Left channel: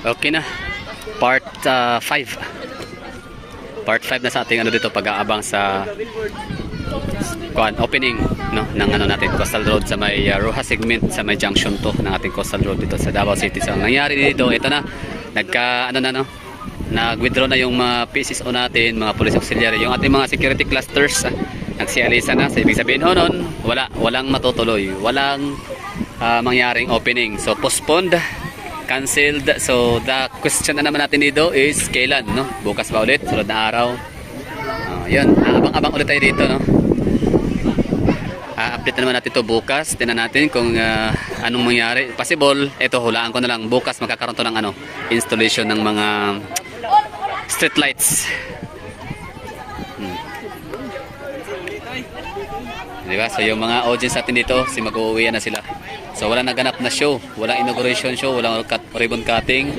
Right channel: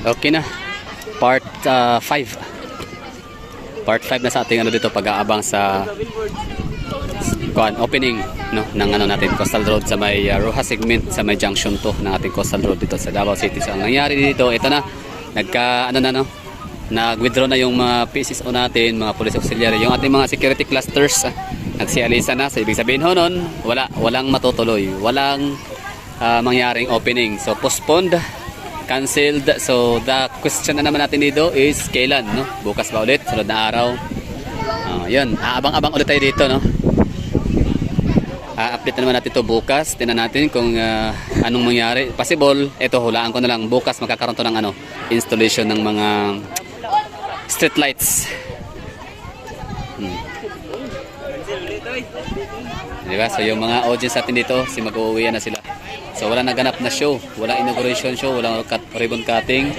Okay na. Part 5. Part 5 na sa ating ano dito pag-aabang sa opening no ng ano natin Coastal Road sa may Rojas segment sa may junction 2 ng ating Coastal Road dito sa Davao City. So ang nangyari dito, ito na nag-withdraw na yung mga PCSO natin, mga police auxiliary, yung ating mga security clusters nagsialisa na. So ibig sabihin ho nun, walang matutuloy, walang mangyaring opening. So postponed, canceled. So the question na naman natin dito is kailan, no? Bukas ba ulit? Sunod na araw. Yun, abang-abang ulit tayo dito, no? Update na naman natin ito bukas. Tingnan natin kung anong mangyari. Possible, ito hulaan ko na lang. Bukas magkakaroon to ng installation ng mga street lights. Diba? So yung mga audience natin dito, mag-uuwian na sila. So wala naganap na show, wala inauguration show, wala ribbon cutting,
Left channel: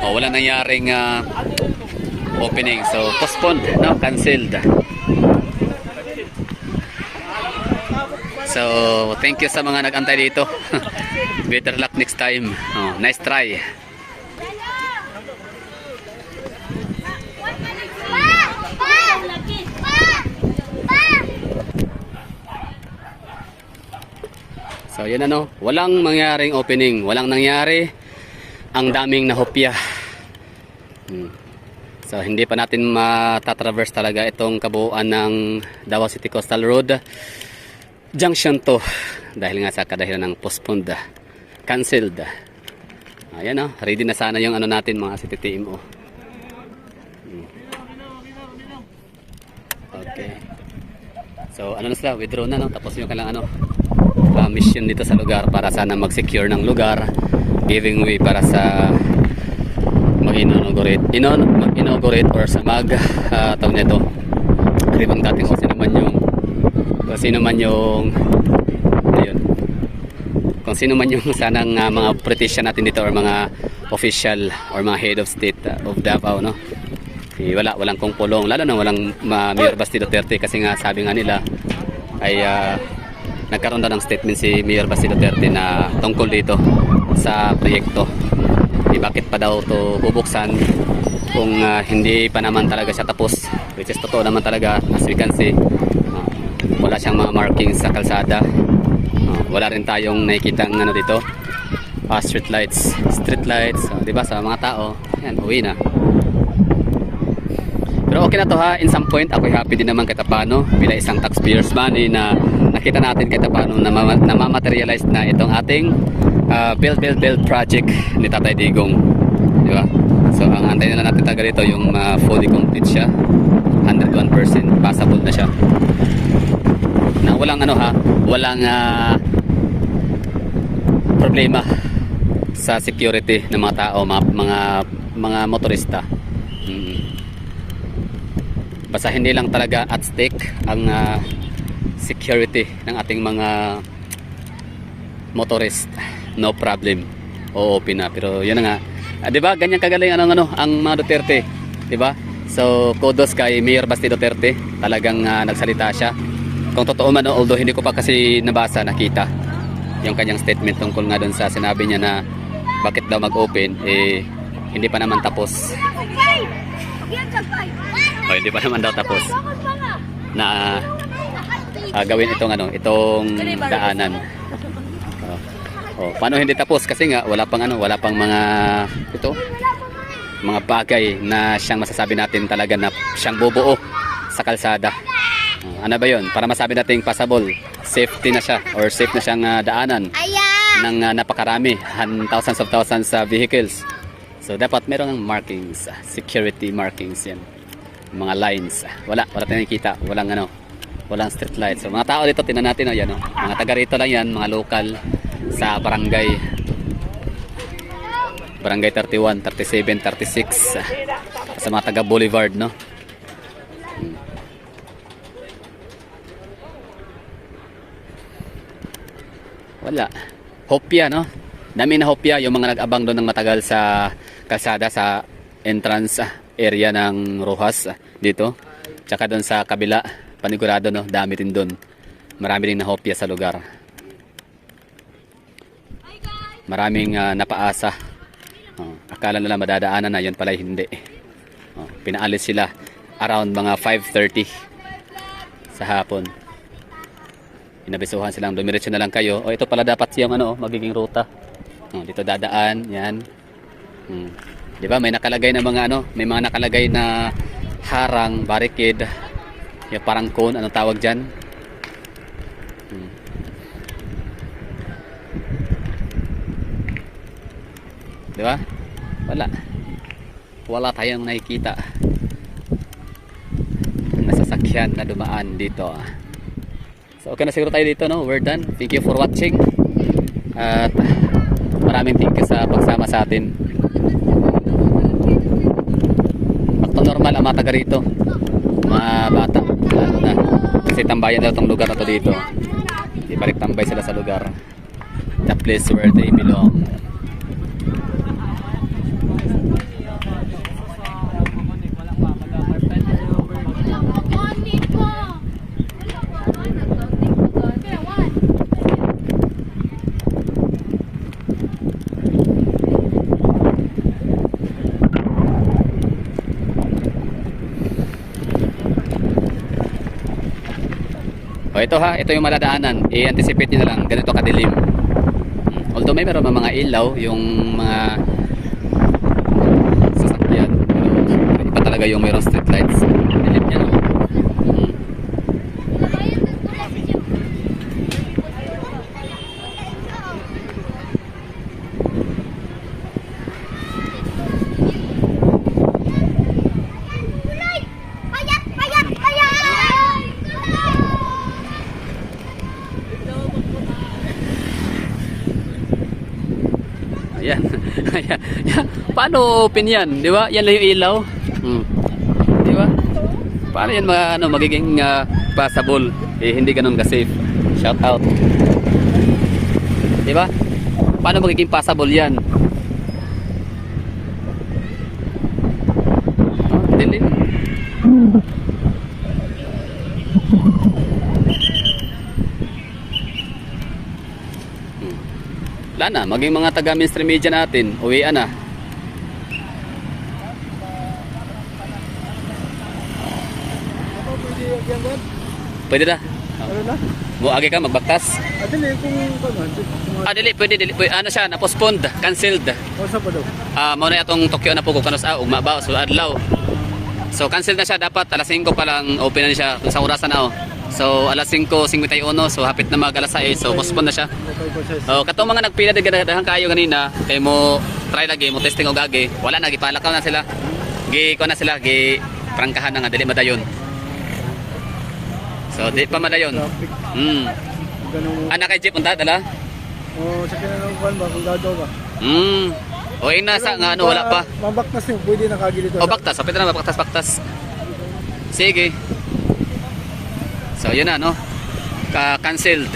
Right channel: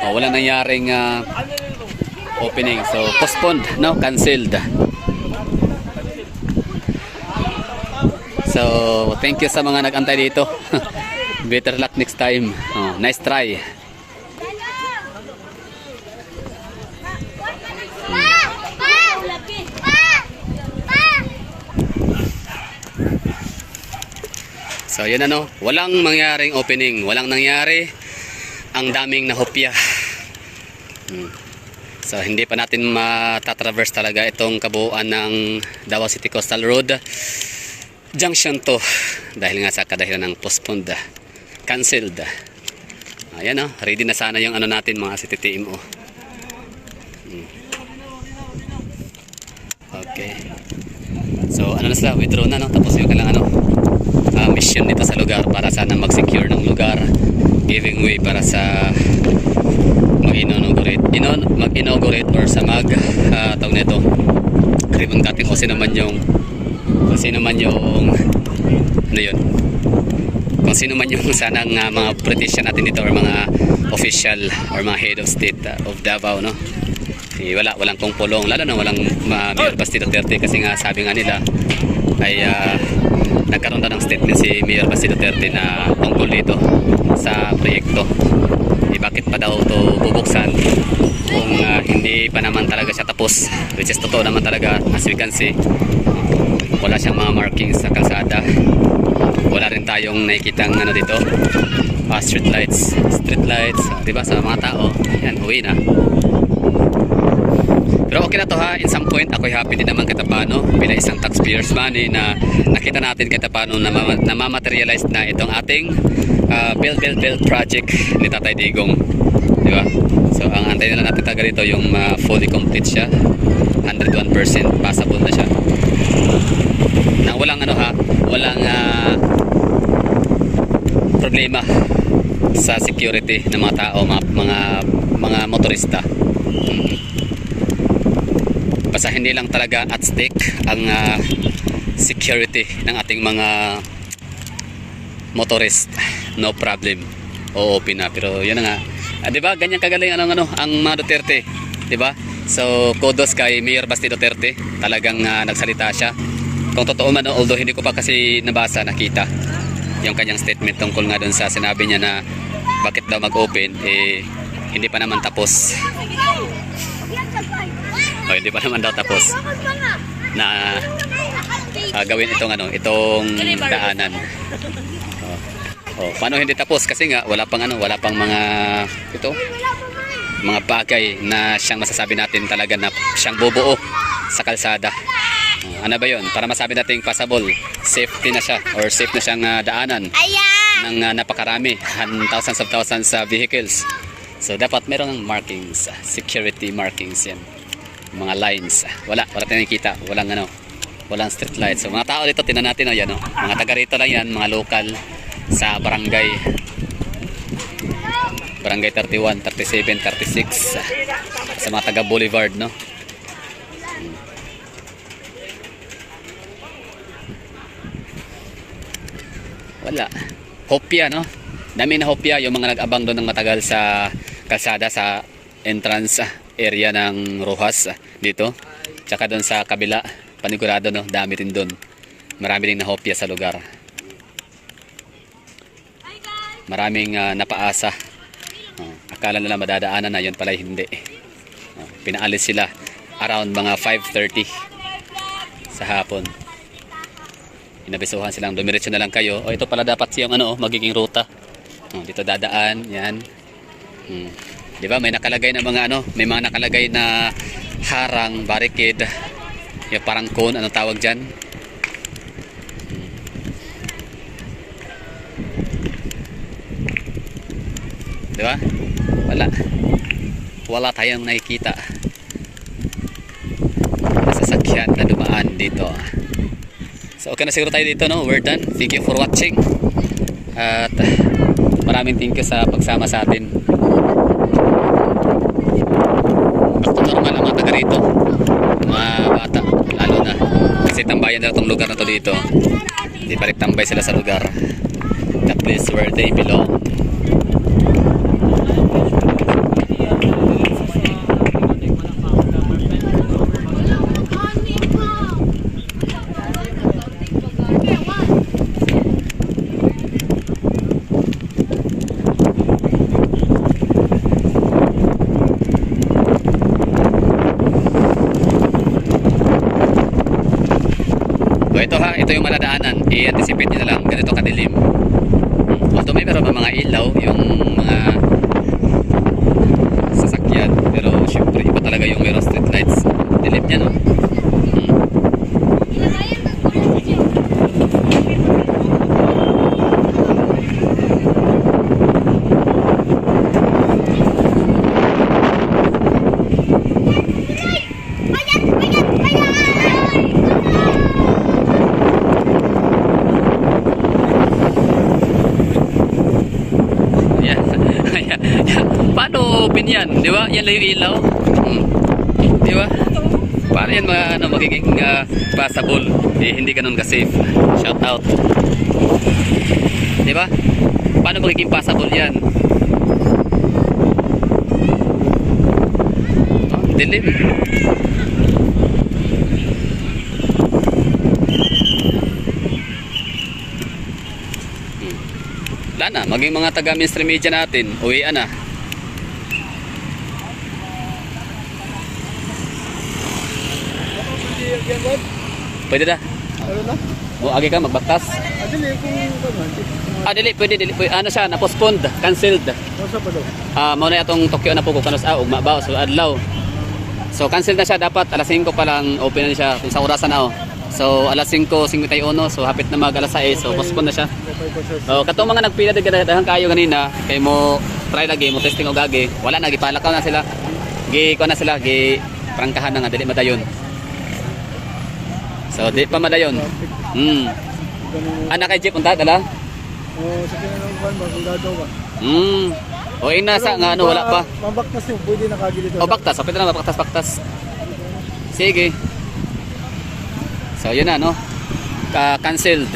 o wala nangyaring opening. So postponed, no, canceled. So thank you sa mga nag-antay dito. Better luck next time. Nice try. So yun walang mangyaring opening, walang nangyari, ang daming nahopya. So hindi pa natin matatraverse talaga itong kabuuan ng Davao City Coastal Road Junction 2 dahil nga sa kadahilan ng postponed, cancelled. Ayan ready na sana yung natin mga CTTMO. Okay. So na sila, withdraw na tapos yung kailangan mission dito sa lugar para sana mag-secure ng lugar, giving way para sa mag-inaugurate or sa tawag nito ribbon cutting kung sino man yung sanang mga politician natin dito or mga official or mga head of state of Davao, no? Walang pulong, lalo na walang Mayor Basti Duterte kasi nga sabi nga nila ay nagkaroon daw ng statement si Mayor Basti Duterte na tungkol dito sa proyekto. Bakit pa daw ito bubuksan kung hindi pa naman talaga siya tapos, which is totoo naman talaga. As we can see, wala siyang mga markings sa kalsada, wala rin tayong nakikitang dito street lights, diba, sa mga tao. Yan, uwi na. Pero okay na to in some point ako'y happy din naman kahit paano bilang isang taxpayers money na nakita natin kahit paano na mamaterialize na itong ating build project ni Tatay Digong, di ba? So ang antayin na natin taga dito yung fully complete siya, 101% passable na siya, na walang walang problema sa security ng mga tao, mga motorista. Basta hindi lang talaga at stake ang security ng ating mga motorist, no problem, open na. Pero yun na nga, di ba, ganyan kagaling ang mga Duterte, di ba? So kudos kay Mayor Basti Duterte, talagang nagsalita siya. Kung totoo man, although hindi ko pa kasi nakita yung kanyang statement tungkol nga doon sa sinabi niya na bakit daw mag-open, hindi pa naman tapos. Hindi pa naman daw tapos na gawin itong daanan. Paano hindi tapos? Kasi nga wala pang mga bagay na siyang masasabi natin talaga na siyang bubuo sa kalsada. Ano ba yun? Para masabi natin passable, safety na siya or safe na siyang daanan ng napakarami, thousands of vehicles. So dapat merong markings, security markings yan, mga lines. Wala tayong nakikita, walang street lights. So mga tao dito, tinan natin mga taga rito lang yan, mga local sa barangay 31, 37, 36 sa mga taga Boulevard, no? Wala. Hopya, no? Dami na hopya yung mga nag-abang doon ng matagal sa kalsada sa entrance area ng Rojas dito. Tsaka doon sa kabila, panigurado, no? Dami rin doon. Marami rin nahopya sa lugar. Maraming napaasa Akala nila madadaanan na, yun pala hindi. Pinaalis sila around mga 5:30 sa hapon. Inabisuhan silang dumiretso na lang kayo. Ito pala dapat yung magiging ruta. Dito dadaan, yan. Di ba? May nakalagay na mga may mga nakalagay na harang, barricade. Yung parang cone, anong tawag diyan? Di ba? Wala tayong nakikita na sasakyan na dumaan dito. So okay na siguro tayo dito, no? We're done. Thank you for watching. At maraming thank you sa pagsama sa atin. Basta normal ang mga taga rito, mga bata lalo na, kasi tambayan na itong lugar na to dito. Di balik tambay sila sa lugar, the place where they belong. So ito yung madadaanan, i-anticipate nyo na lang, ganito kadilim. Although may meron mga ilaw yung mga sasakyan, pero syempre iba talaga yung mayroong street lights. Dilim niya, no? Paano open yan? Di ba? Yan lang yung ilaw. Di ba? Paano yan magiging passable? Hindi ganun ka-safe. Shout out. Di ba? Paano magiging passable yan? Dilim. Wala na, maging mga taga mainstream media natin, uwian na. Pwede na. Agi ka magbaktas. Dili pwede. Ano siya, na-postponed, cancelled. Mao na atong Tokyo na po ko kanus ugma ba so adlaw. So cancel na siya, dapat alas 5 pa lang open na siya sa orasan na. So alas 5:51, so hapit na mag alas 6, so postpone na siya. Katong mga nagpila daghang kayo ganina, kay mo try lagi mo testing og agi, wala na gipalakaw na sila. Gi na sila, gi prangkahan na nga dili madayon. So di pa madayon. Anak kay jeep unta dala? Sa kinanong ba kung gagaw ba? O nasa nga wala pa. Mabaktas yung pwede nakagilid. Baktas, sapit na baktas. Sige. So yun na, no? Cancelled.